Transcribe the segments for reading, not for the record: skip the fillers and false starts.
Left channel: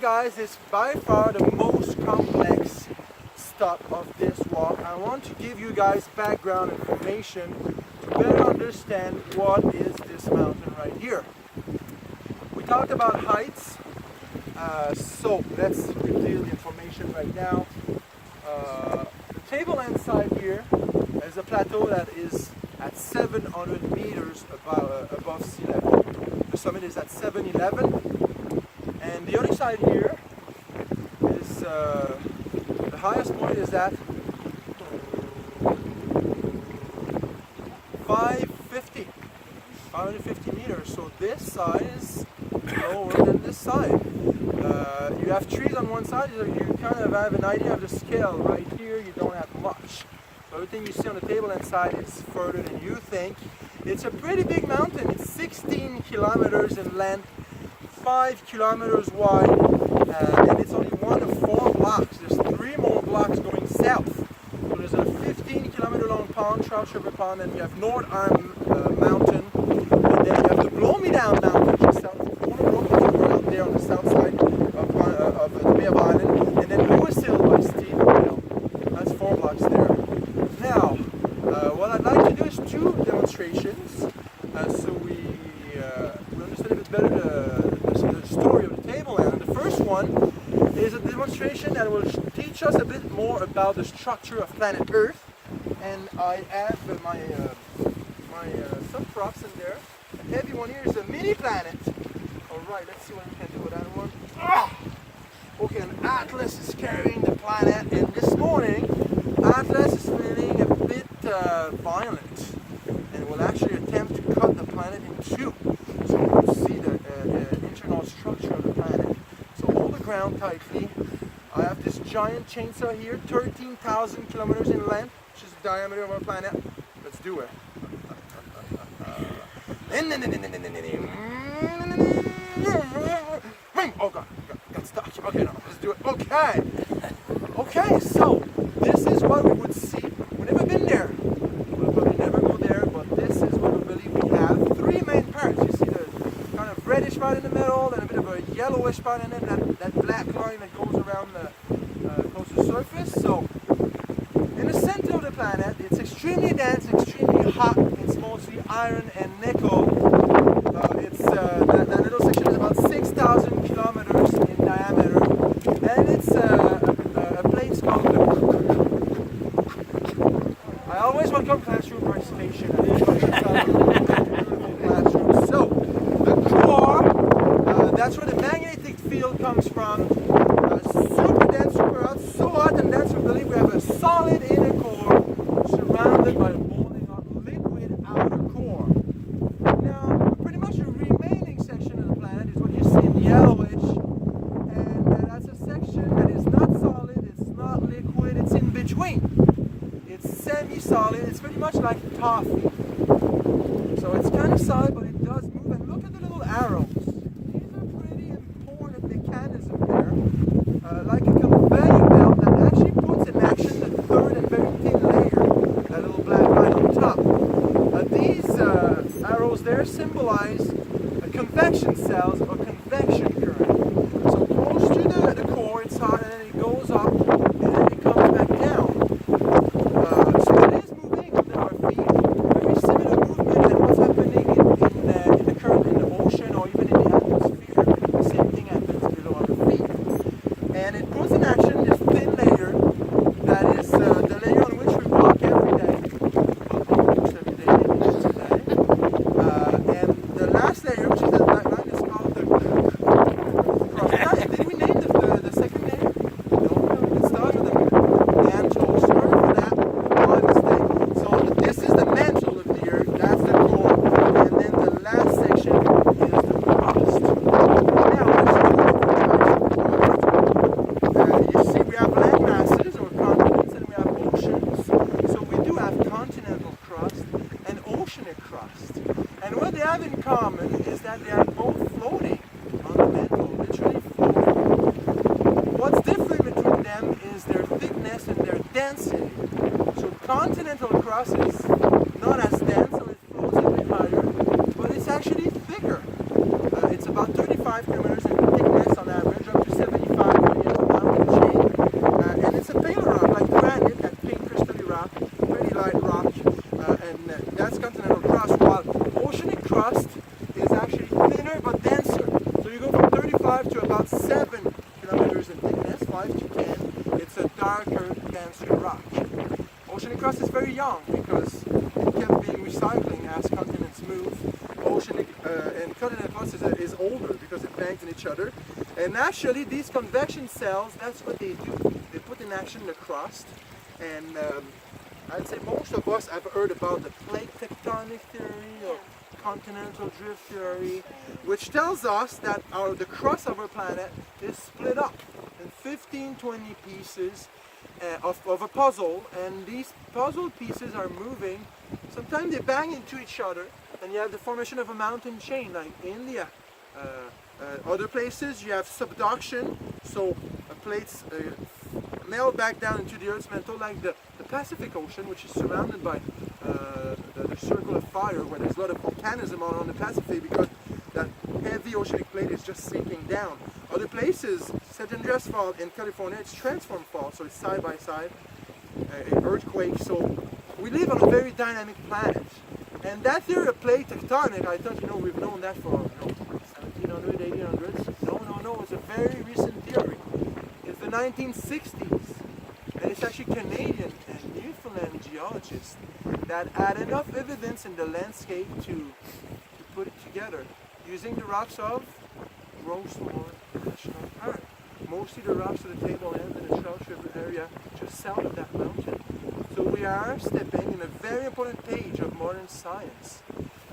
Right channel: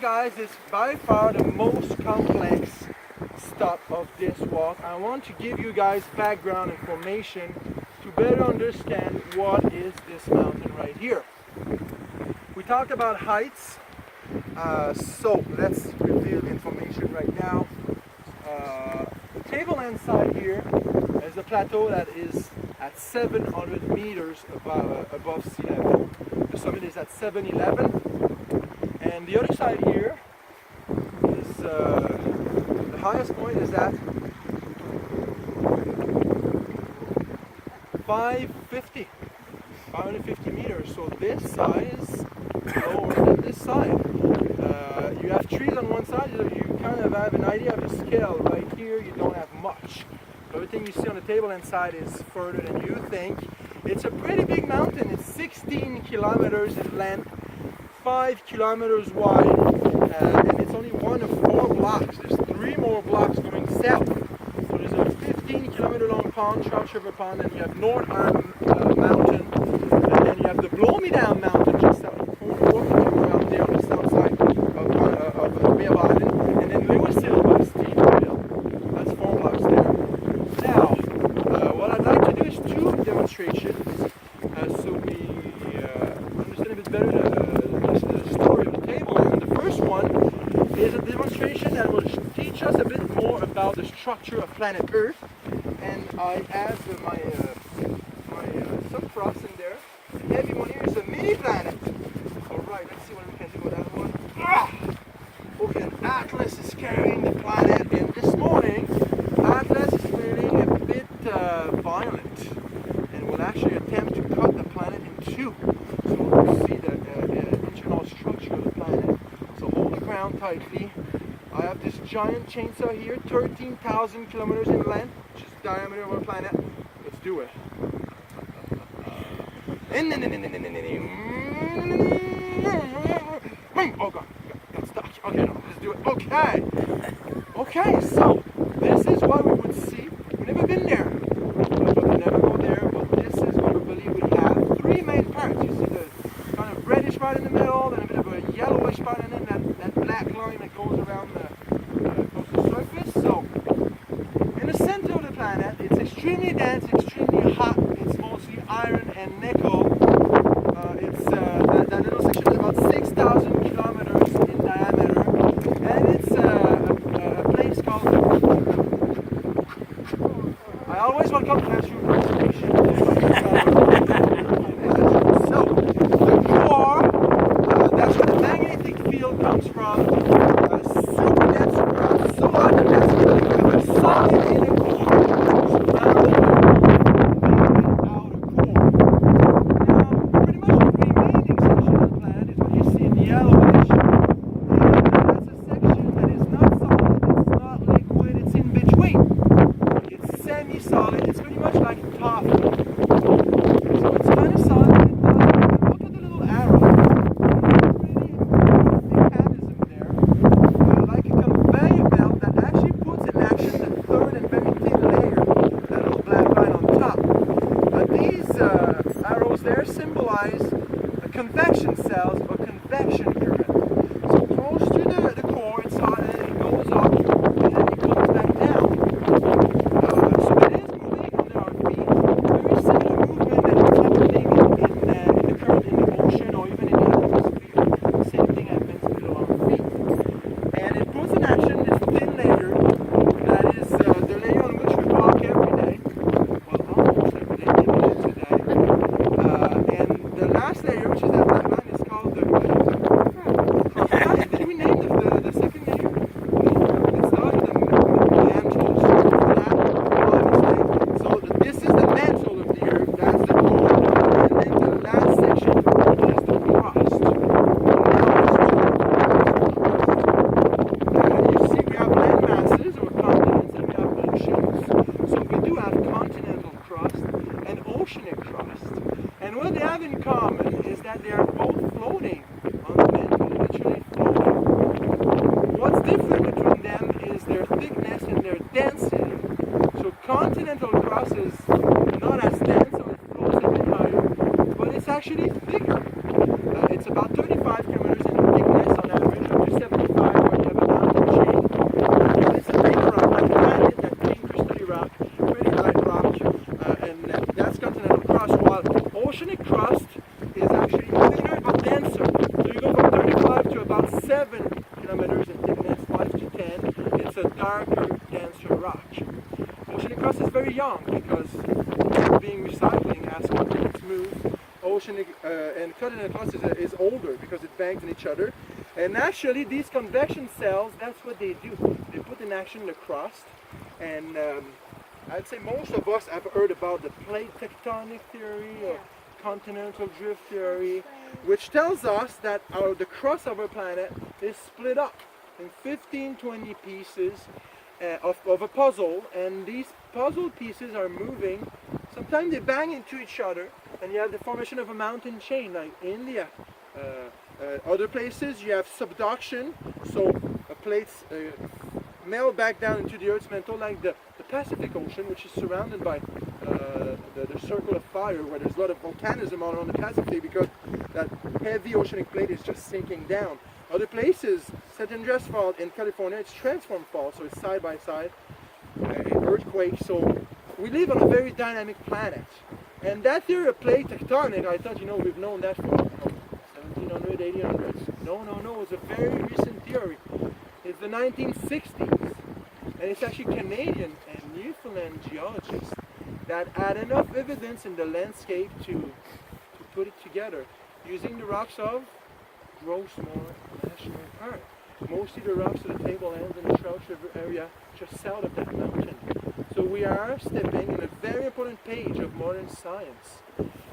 guys is by far the most complex stop of this walk. I want to give you guys background information to better understand what is this mountain right here. We talked about heights, so let's reveal information right now. The tableland side here is a plateau that is at 700 meters above sea level. The summit is at 711, and the other side here is the highest point is at 550 meters. So this side is lower than this side. You have trees on one side, so you kind of have an idea of the scale. Right here, you don't have much. Everything you see on the tableland side is further than you think. It's a pretty big mountain. It's 16 kilometers in length, 5 kilometers wide, and it's only one of 4 blocks. There's 3 more blocks going south. So there's a 15-kilometer long pond, Charles River Pond, and you have North Arm Mountain, and then you have the Blow Me Down Mountain just south of out there on the south side of the Bay of Island, and then Lewis Hill by Steve. That's 4 blocks there. Now, what I'd like to do is 2 demonstrations, so we understand a bit better the story of the tableland. The first one is a demonstration that will teach us a bit more about the structure of planet Earth, and I have my some props in there. The heavy one here is a mini planet. Alright, let's see what we can do with that one. Okay, an Atlas is carrying the planet, and this morning Atlas is feeling a bit violent and will actually attempt to cut the planet in 2. So we'll see the internal structure of the planet. So hold the ground tightly. I have this giant chainsaw here, 13,000 kilometers in length, which is the diameter of our planet. Let's do it. Oh god, got stuck. Okay, no, let's do it. Okay, so this is what we would see. We've never been there. We never go there, but this is what we believe we have. 3 main parts. You see the kind of reddish part in the middle, then a bit of a yellowish part, and then that black line that goes around the surface. So, in the center of the planet, it's extremely dense, extremely hot. It's mostly iron and nickel. That little section is about 6,000 kilometers in diameter, and it's a place called. I always welcome classroom participation. So, the core, that's where the magnetic field comes from. Super dense, super hot, so hot and dense, we believe we have a solid inner core surrounded by a liquid outer core. Now, pretty much the remaining section of the planet is what you see in yellowish. And that's a section that is not solid, it's not liquid, it's in between. It's semi-solid, it's pretty much like toffee. So it's kind of solid, but it does move. And look at the little arrows. Pretty important mechanism there. Like a conveyor belt that actually puts in action the 3rd and very thin layer, that little black line on top. These arrows there symbolize convection cells or convection current. So close to the core, it's hot, and then it goes up, and then it comes back down. So it is moving under our feet. Very similar movement that is happening in the current in the ocean or even in the atmosphere. The same thing happens below our feet. And it puts in action this thin layer that is the layer on which we walk every day. Almost every day today. And the last layer, which is that black line, is called the. Did we name the second layer? It started with the mantle, short for that. My mistake. So this is the mantle of the Earth, that's the core, and then the last section is the crust. Now you see we have land masses or continents and we have oceans. So we do have continental crust and oceanic crust. And what they have in common is that they are both floating on the mantle, literally floating. What's different between them is their thickness and their density. So continental crust is not as dense, so it floats a bit higher, but it's actually thicker. It's about 35 kilometers in thickness on average, up to 70 granite rock, and that's continental crust, while oceanic crust is actually thinner but denser. So you go from 35 to about 7 kilometers in thickness, 5 to 10. It's a darker, denser rock. Oceanic crust is very young because being recycling as continents move. Oceanic and continental crust is older because it bangs in each other. And actually these convection cells, that's what they do. They put in action the crust. And I'd say most of us have heard about the plate tectonic theory or continental drift theory, which tells us that the crust of our planet is split up in 15, 20 pieces of a puzzle, and these puzzle pieces are moving. Sometimes they bang into each other, and you have the formation of a mountain chain, like India. Other places you have subduction, so plates melt back down into the Earth's mantle, like the Pacific Ocean, which is surrounded by the circle of fire, where there's a lot of volcanism on the Pacific because that heavy oceanic plate is just sinking down. Other places, San Andreas Fault in California, it's transform fault, so it's side by side, earthquake. So we live on a very dynamic planet. And that theory of plate tectonic, I thought, we've known that for 1700s, 1800s. No, it's a very recent theory. It's the 1960s. And it's actually Canadian and Newfoundland geologists that had enough evidence in the landscape to put it together using the rocks of Rosemont National Park. Mostly the rocks of the tablelands in the Charles River area just south of that mountain. So we are stepping in a very important page of modern science.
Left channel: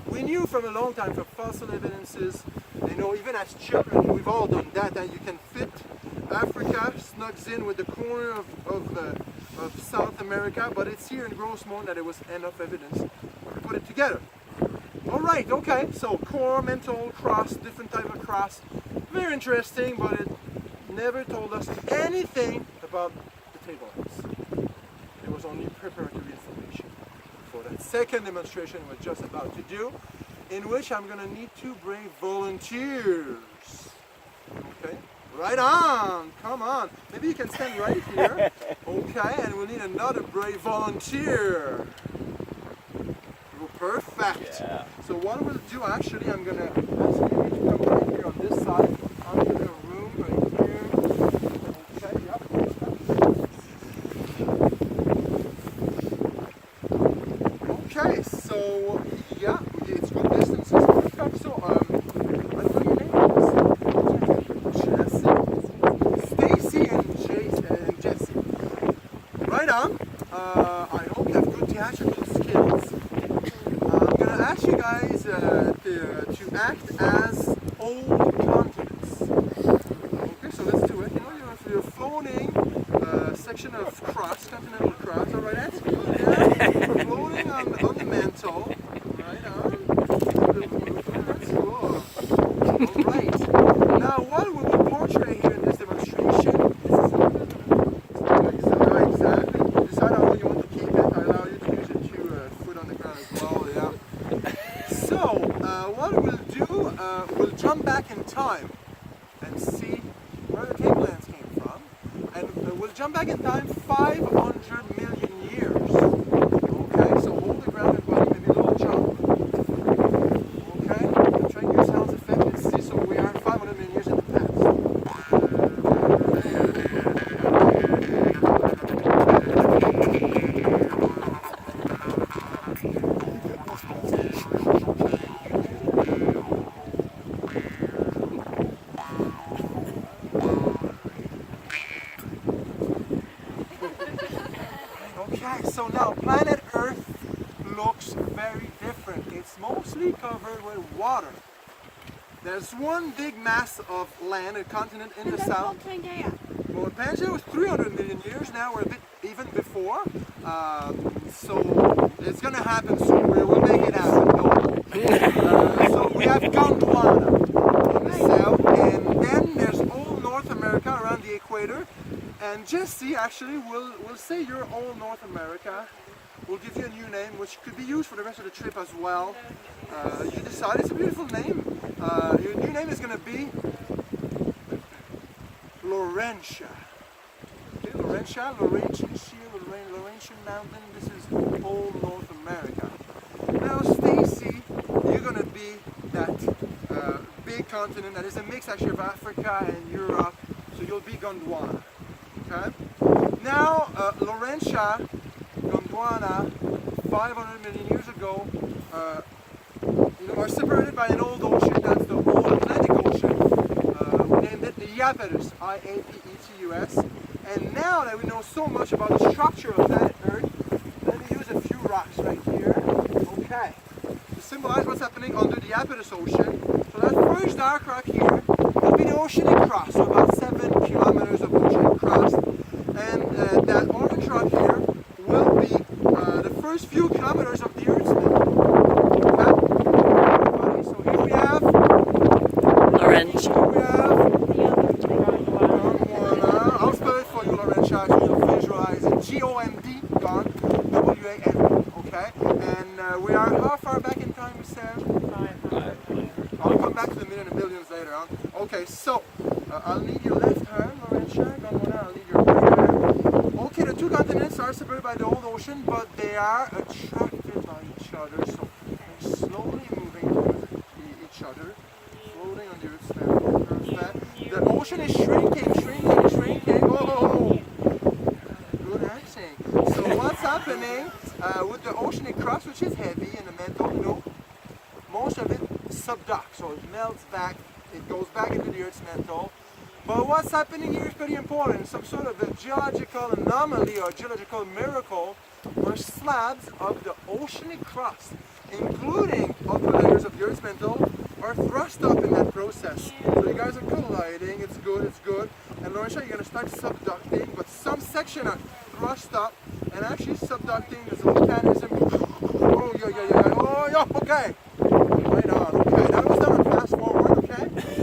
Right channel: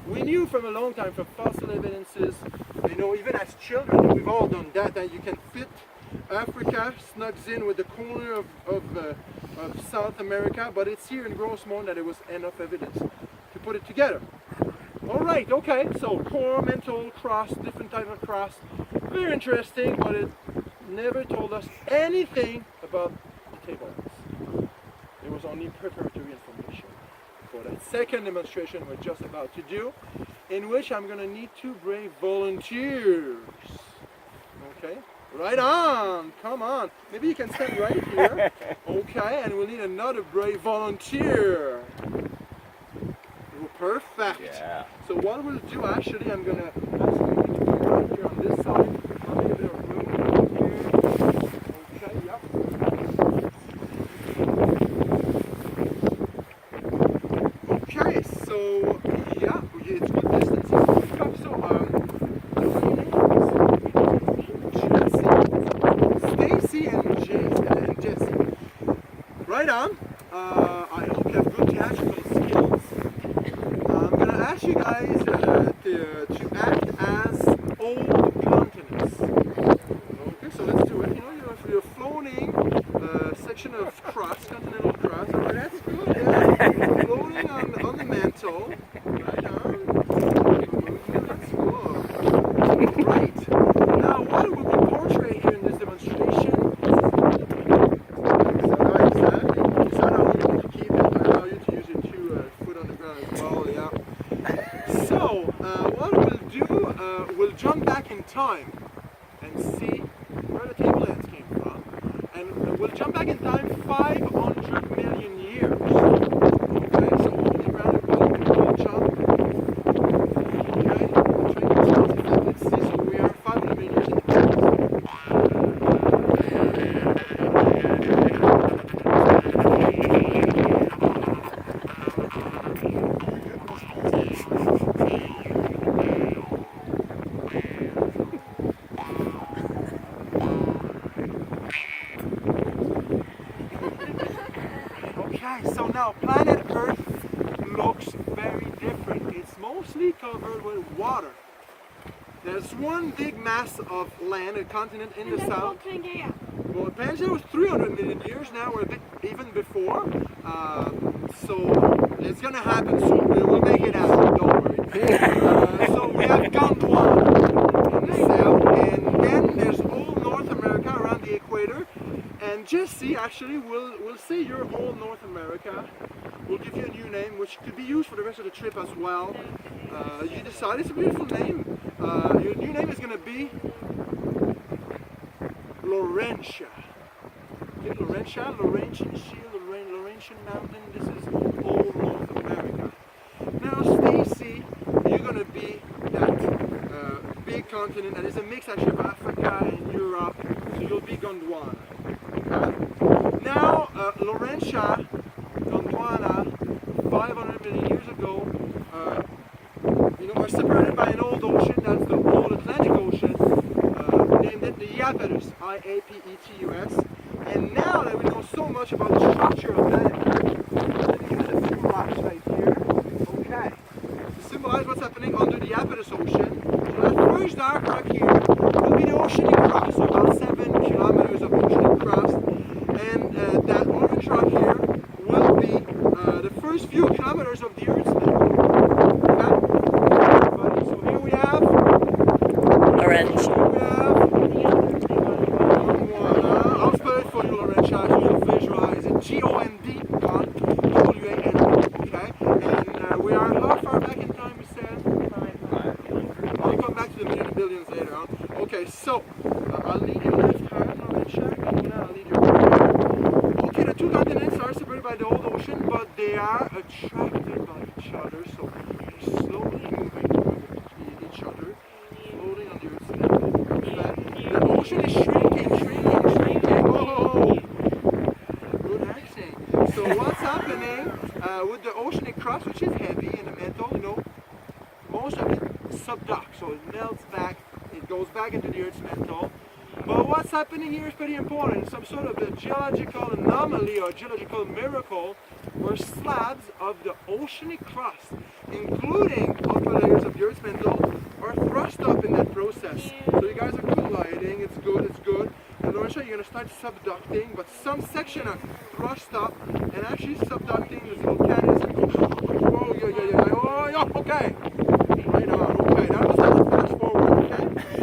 We knew from a long time from fossil evidences, even as children, we've all done that you can fit Africa snugs in with the corner of South America, but it's here in Rosemont that it was enough evidence to put it together. All right, okay, so core, mantle, crust, different type of crust. Very interesting, but it never told us anything about the tablelands. It was only preparatory information for that second demonstration we're just about to do, in which I'm going to need 2 brave volunteers. Okay, right on, come on. Maybe you can stand right here. Okay, and we'll need another brave volunteer. Perfect. Yeah. So what we'll do, actually, I'm going to ask you to come right here on this side. I'll give you a room right here. Okay, yep. Okay, so, yeah, it's good distance. So, I don't know your names. Stacy and Jesse. Right on. I hope you have good theatrical skills. Ask you guys to act as old continents. Okay, so let's do it. You're floating a section of crust, continental crust. All right, that's good. Yeah. Floating on the mantle. Right on. That's cool. All right. Now, what will we portray here in this demonstration? Exactly. Decide how you want to keep it. I allow you to use your 2 foot on the ground as well. Yeah. So, what we'll do, we'll jump back in time and see where the tablelands came from. And we'll jump back in time 500 million years. Okay, so hold the ground and we'll jump. Okay, try and get sounds effect. Let's see, so we are 500 million years in the past. Okay, so now planet Earth looks very different. It's mostly covered with water. There's one big mass of land, a continent in the south. Well, Pangea was 300 million years now, or a bit even before. So it's gonna happen soon. We'll make it happen. Don't worry. So we have Gondwana in the south, and then there's all North America around the equator. And Jesse, actually, will say you're all North America. We'll give you a new name, which could be used for the rest of the trip as well. You decide. It's a beautiful name. Your new name is going to be Laurentia. Okay, Laurentia, Laurentian Mountain. This is old big continent that is a mix actually of Africa and Europe. So you'll be Gondwana. Okay? Now, Laurentia, Gondwana, 500 million years ago, are separated by an old ocean. That's the old Atlantic Ocean. We named it the Iapetus, I-A-P-E-T-U-S. And now that we know so much about the structure of planet Earth, let me use a few rocks right here. Okay. To symbolize what's happening under the Iapetus Ocean. So that first dark rock here will be the oceanic crust, so about 7 kilometers of oceanic crust. And that orange rock here will be the first few kilometers of the Earth's mantle. Okay? So here we have Orange. Here we have Gondwana. I'll spell it for you, Laurentia, so you'll visualize it. G-O-N-D, Gone, W-A-N. Okay? And we are how far back in time, we said? I'll come back to the minute and billions later on. Okay, so I'll need your left hand, Laurentia. I'll need your right hand. Okay, the two continents are separated by the old ocean, but they are attracted by each other, so they're slowly moving to each other, floating on the Earth's surface. The ocean is shrinking. Oh! Good action. So what's happening with the oceanic crust, which is heavy in the mantle, most of it subducts, so it melts back, it goes back into the Earth's mantle. But what's happening here is pretty important. Some sort of a geological anomaly or geological miracle where slabs of the oceanic crust, including upper layers of the Earth's mantle, are thrust up in that process. So you guys are colliding, it's good. And Laurentia, you're going to start subducting, but some section are thrust up and actually subducting is a mechanism. Oh, yeah, okay. Right on, okay. Now it's time to fast forward, okay? It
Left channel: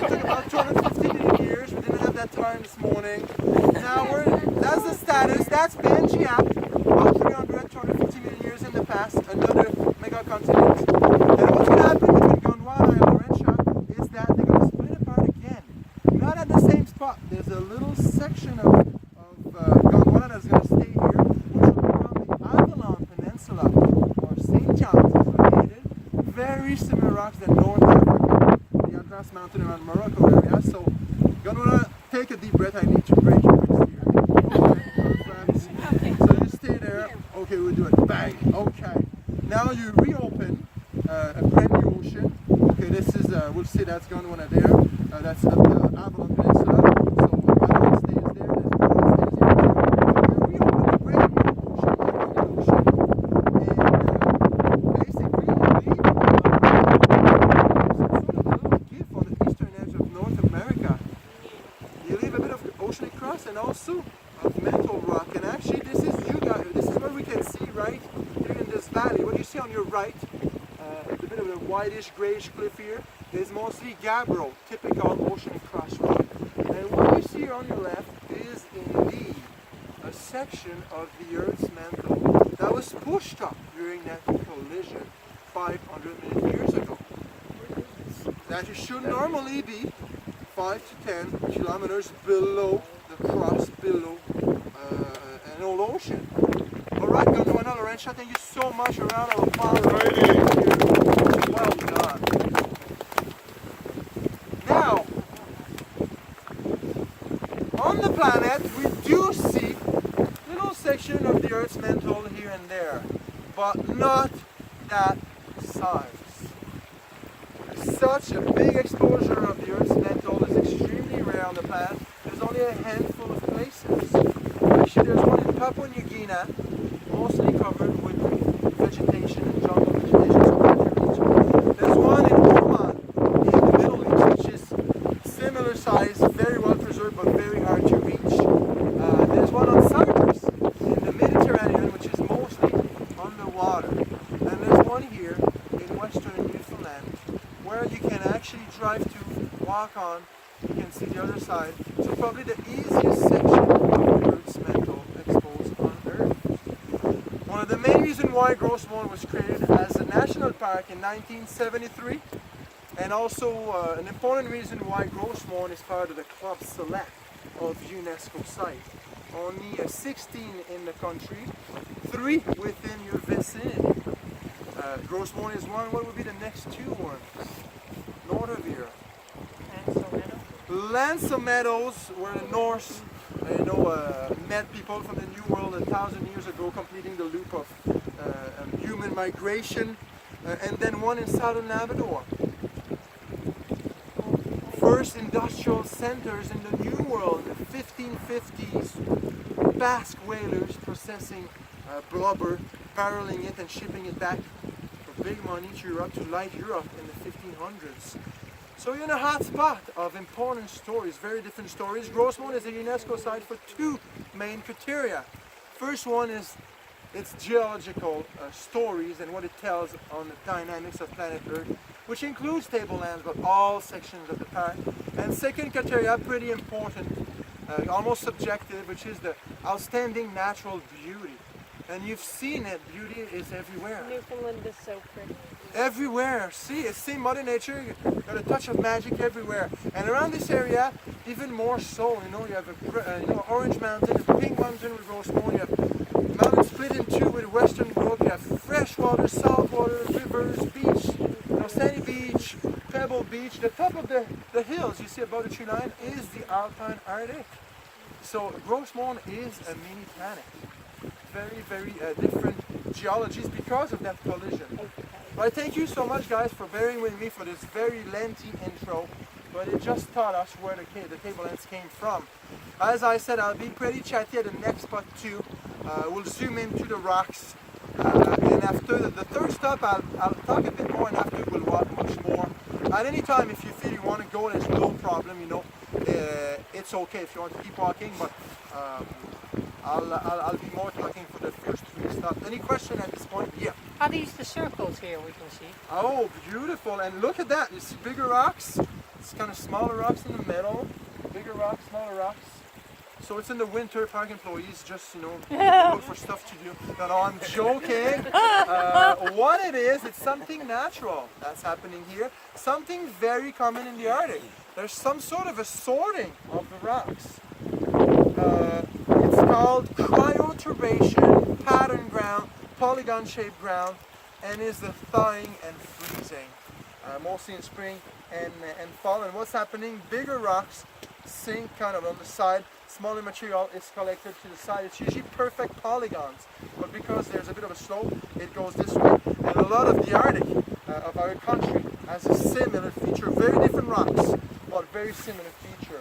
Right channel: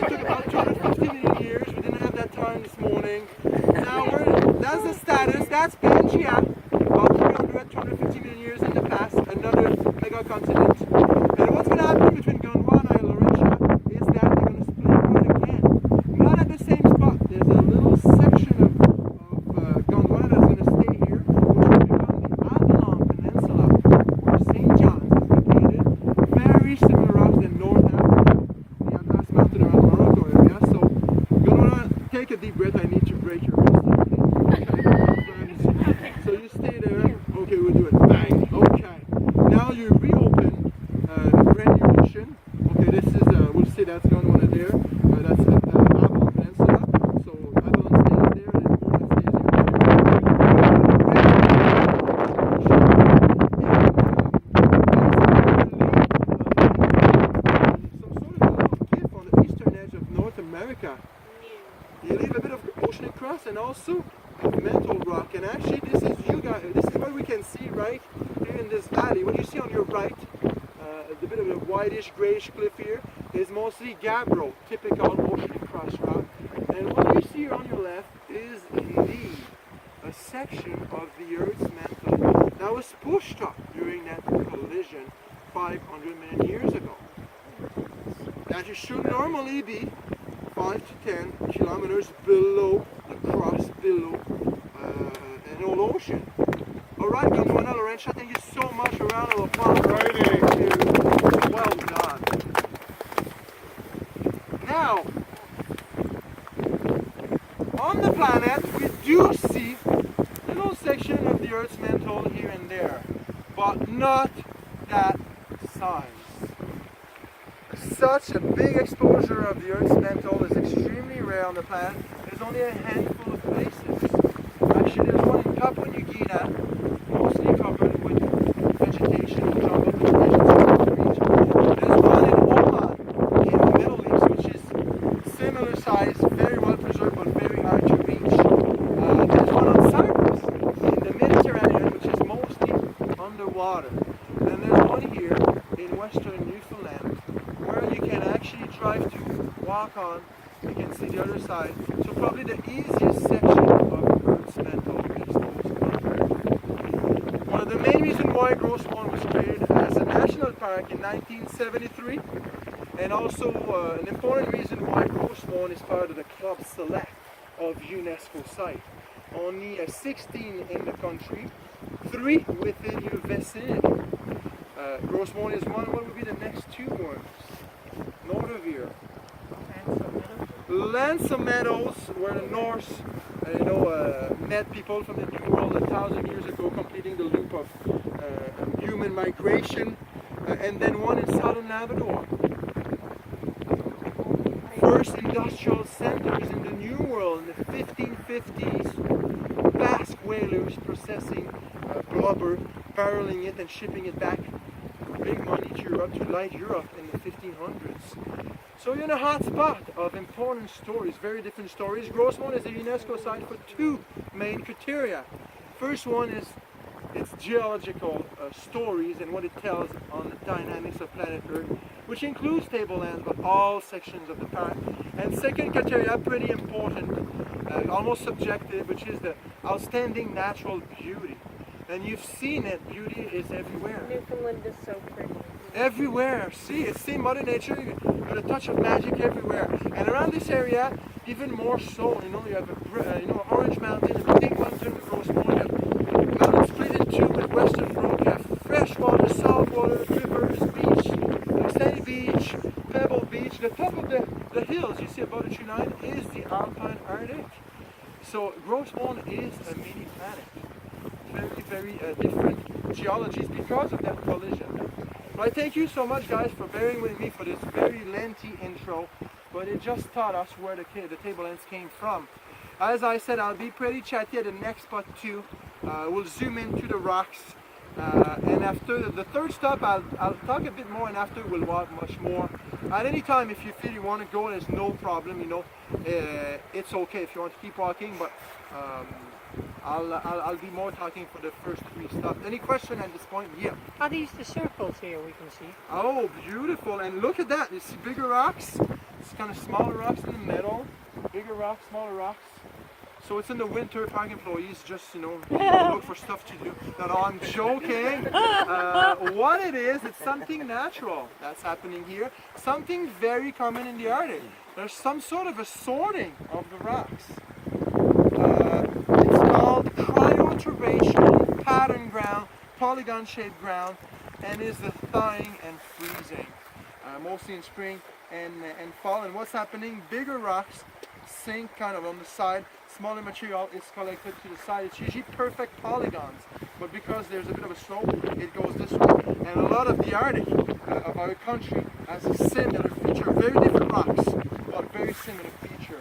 took about 250 million years. We didn't have that time this morning. Now that's the status. That's Pangaea. About 300, 250 million years in the past. Another megacontinent. And what's going to happen between Gondwana and Laurentia is that they're going to split apart again. Not at the same spot. There's a little section of Gondwana that's going to stay here, which will become the Avalon Peninsula, or St. John's is located. Very similar rocks than North Africa, the Atlas Mountain around Morocco area. So, Gondwana, take a deep breath. I need to break your wrist here. Okay. So you stay there. Okay, we'll do it. Bang. Okay. Now you reopen the brand new ocean. Okay, this is, we'll say that's Gondwana there. That's the Avalon Peninsula. So Avalon stays there. And also mantle rock, and actually this is what we can see right here in this valley. What you see on your right, it's a bit of a whitish grayish cliff here, is mostly gabbro, typical ocean crust rock. And what you see on your left is indeed a section of the Earth's mantle that was pushed up during that collision 500 million years ago. That should normally be 5 to 10 kilometers below the crust, below an old ocean. Alright, Gondwana, Laurentia, thank you so much. A round of applause. Well done. Now, on the planet, we do see little section of the Earth's mantle here and there, but not that size. Such a big exposure of the Earth's mantle is extremely rare on the planet. There's only a handful of places. Actually, there's one in Papua New Guinea, mostly covered with vegetation and jungle vegetation. There's one in Oman, in the Middle East, which is similar size, very well preserved, but very hard to reach. There's one on Cyprus, in the Mediterranean, which is mostly underwater. And there's one here in western Newfoundland, where you can actually drive to, walk on. You can see the other side. So probably the easiest section of the Earth's mantle exposed on Earth. One of the main reasons why Grossmont was created as a national park in 1973, and also an important reason why Grossmont is part of the Club Select of UNESCO sites. Only 16 in the country, 3 within your vicinity. Grossmont is one. What would be the next 2 ones? north of here. Lancer Meadows, where the Norse, met people from the New World 1,000 years ago, completing the loop of human migration, and then one in southern Labrador. First industrial centers in the New World in the 1550s, Basque whalers processing blubber, barreling it and shipping it back for big money to Europe, to light Europe in the 1500s. So you're in a hot spot of important stories, very different stories. Grossmont is a UNESCO site for two main criteria. First one is its geological stories and what it tells on the dynamics of planet Earth, which includes tablelands, but all sections of the park. And second criteria, pretty important, almost subjective, which is the outstanding natural beauty. And you've seen it, beauty is everywhere. Newfoundland is so pretty. Everywhere, see, it's same Mother Nature, you got a touch of magic everywhere. And around this area, even more so, you have a, Orange Mountain, a Pink Mountain with Rosemont, you have mountains split in two with Western Road, you have freshwater, saltwater, rivers, beach, sandy beach, pebble beach. The top of the hills you see above the tree line is the Alpine Arctic. So Grossmont is a mini planet. Very, very different geologies because of that collision. But I thank you so much, guys, for bearing with me for this very lengthy intro, but it just taught us where the tablelands came from. As I said, I'll be pretty chatty at the next spot too. We'll zoom into the rocks, and after the third stop, I'll talk a bit more, and after we'll walk much more. At any time, if you feel you want to go, there's no problem. It's okay if you want to keep walking, but I'll be more talking for the first three stops. Any question at this point? Yeah. Are these the circles here we can see? Oh, beautiful. And look at that. You see bigger rocks? It's kind of smaller rocks in the middle. Bigger rocks, smaller rocks. So it's in the winter, park employees just, look for stuff to do. No, I'm joking. What it is, it's something natural that's happening here. Something very common in the Arctic. There's some sort of a sorting of the rocks. It's called cryoturbation, pattern ground, polygon-shaped ground, and is the thawing and freezing, mostly in spring and fall. And what's happening? Bigger rocks sink kind of on the side, smaller material is collected to the side. It's usually perfect polygons, but because there's a bit of a slope, it goes this way. And a lot of the Arctic of our country has a similar feature, very different rocks, but very similar feature.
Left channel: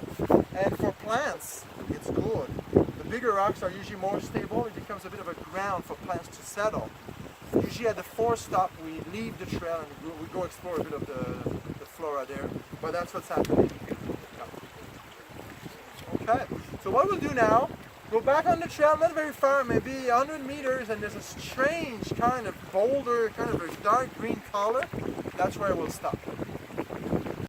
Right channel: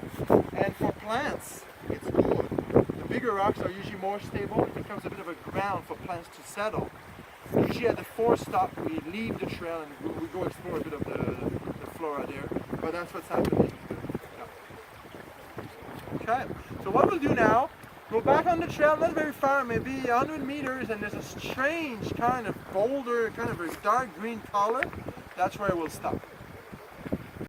And for plants, it's good. The bigger rocks are usually more stable. It becomes a bit of a ground for plants to settle. Usually at the fourth stop, we leave the trail and we go explore a bit of the flora there. But that's what's happening. Okay, so what we'll do now, go back on the trail, not very far, maybe 100 meters, and there's a strange kind of boulder, kind of a dark green color. That's where we'll stop.